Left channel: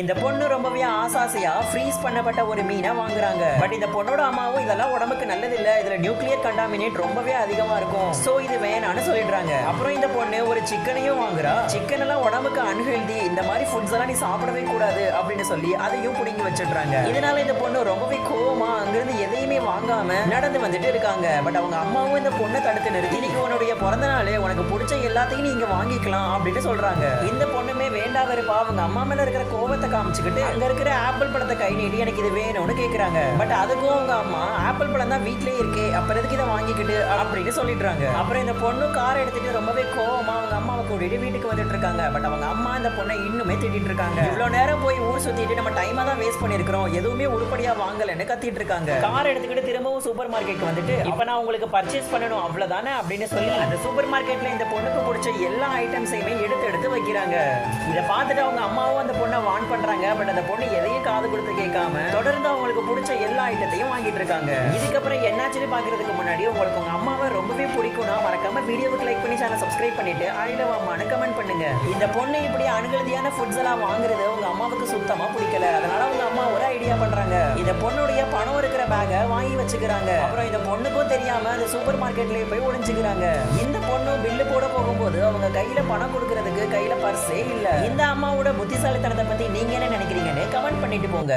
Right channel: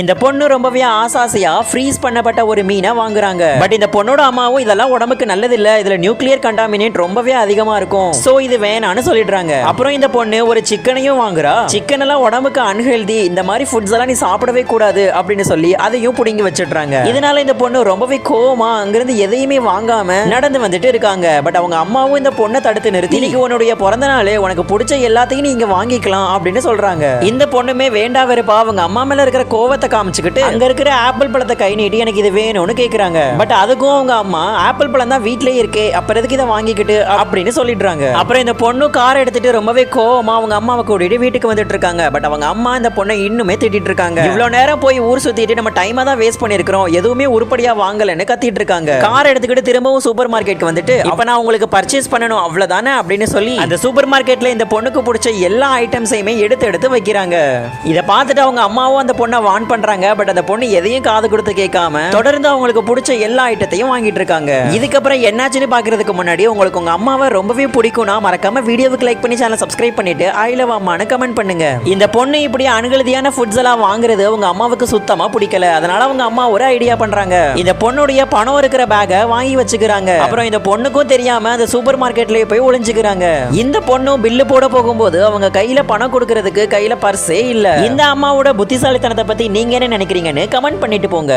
இந்த பொண்ணு ரொம்பவே ஆசாசியா ஃப்ரீஸ் பண்ணப்பட்ட ஒரு மீனை வாங்குறாங்க. பட் இந்த பொண்ணோட அம்மாவும் இதெல்லாம் உடம்புக்கு நல்லது இல்ல, இதுல நியூக்ளியர் கண்டாமினேட் ரொம்பவே அதிகமா இருக்கும், சோ இது வேணான்னு சொல்லிடுறாங்க. அப்புறம் இந்த பொண்ணு ஒரு சிக்கனையும் வாங்குறா. சிக்கன் எல்லாம் உடம்புக்கு அன்ஹெல்தி, இந்த மாதிரி ஃபுட்ஸ் எல்லாம் நீ சாப்பிடவே கூடாது அப்படின்னு சொல்லி அதையும் புடிங்கி வச்சிடுறாங்க. இதனால இந்த பொண்ணு ரொம்பவே கோவமா அங்கிருந்து எதையுமே வாங்காம நடந்து வந்துட்டு இருக்காங்க. பட் அவங்க அம்மாவும் இந்த பொண்ணை தடுத்து நிறுத்தி, இன்னைக்கு உன்னுடைய பிறந்த நாள், உனக்கு பிடிச்ச எல்லாத்தையும் நீ இங்க வாங்கிக்கலாம் அப்படின்னு சொல்றாங்க. இந்த பொண்ணுமே வேண்டா வெறுப்பா அவங்க அம்மா மேல இருக்கிற கோவத்தை காமிச்சுக்கிட்டு அங்க இருக்கிற ஆப்பிள் பழத்தை கை நீட்டி எனக்கு இது வேணும்னு கேக்குறாங்க. பட் அதுக்கும் அவங்க அம்மா ஆப்பிள் பழம் தான் வீட்லயே இருக்கே, அப்புறம் எதுக்கு இதை வாங்கிக்கிட்டு அப்படின்னு சொல்லிடுறாங்க. அப்புறம் இந்த பொண்ணு கார் எடுத்துட்டு ரொம்பவே கோவமா அவங்க அம்மாவை கூட்டிட்டு வீட்டுக்கு வந்துட்டு இருக்காங்க. பட் அவங்க அம்மா இந்த பொண்ணை இன்னுமே திட்டிட்டு இருக்காங்க. இவ்வளவு நேரம் போய் ஊர் சுத்திட்டு நம்ம டைமா தான் வேஸ்ட் பண்ணிருக்கோம், எதுவுமே உருப்படியா வாங்கலன்னு கத்திட்டு இருக்காங்க. கார் எடுத்துக்கிட்டு திரும்பவும் சூப்பர் மார்க்கெட் வந்துட்டு, இப்ப நான் உங்களுக்கு பர்ச்சேஸ் பண்ணணும் அவ்வளவுதானே அப்படின்னு சொல்லி அந்த சூப்பர் மார்க்கெட்ல இந்த பொண்ணுக்கு பிடிச்ச எல்லா ஐட்டம்ஸையுமே எடுத்து எடுத்து வைக்கிறாங்க. இதை பார்த்துட்டு அவங்க அம்மாவும் அந்த பொண்ணை வான் பண்றாங்க. பட் அந்த பொண்ணு எதையும் காது கொடுத்து கேட்காம தொடர்ந்து அவங்களுக்கு பிடிச்ச எல்லா ஐட்டத்தையும் வாங்கிட்டு இருக்காங்க. இதுக்கப்புறம் என்னாச்சுன்னு பாக்குறதுக்கு முன்னாடி உங்களுக்கு உங்க அம்மாவை ரொம்பவே பிடிக்கும்னா மறக்காம வீடியோவுக்கு லைக் பண்ணி சேனல் சப்ஸ்கிரைப் பண்ணிட்டு ஐ லவ் அம்மான்னு கமெண்ட் பண்ணுங்க. இந்த பொண்ணு இப்படி அன்ஹெல்தியான ஃபுட்ஸ் எல்லாம் வாங்குறது அவங்க அம்மாவுக்கு சுத்தமா பிடிக்கல. அதனால அவங்க அம்மா ஒரு ஐடியா பண்றாங்க. இந்த பொண்ணுடைய பணம் இருக்கிற பேக்கை வாங்கி வச்சுக்கிறாங்க. அப்புறம் இந்த பொண்ணுக்கும் தெரியாம அந்த சூப்பர் மார்க்கெட்லயே போய் ஒளிஞ்சுக்கிறாங்க. இந்த பொண்ணு பில்லு போட போகும்போது அவங்க கையில பணம் கொடுக்கறதுக்கு கையில பர்ஸே இல்ல. இந்த அம்மாவோட புத்திசாலித்தனத்தை பத்தி நீங்க என்ன நினைக்கிறீங்கன்னு கமெண்ட் பண்ணிட்டு போங்க.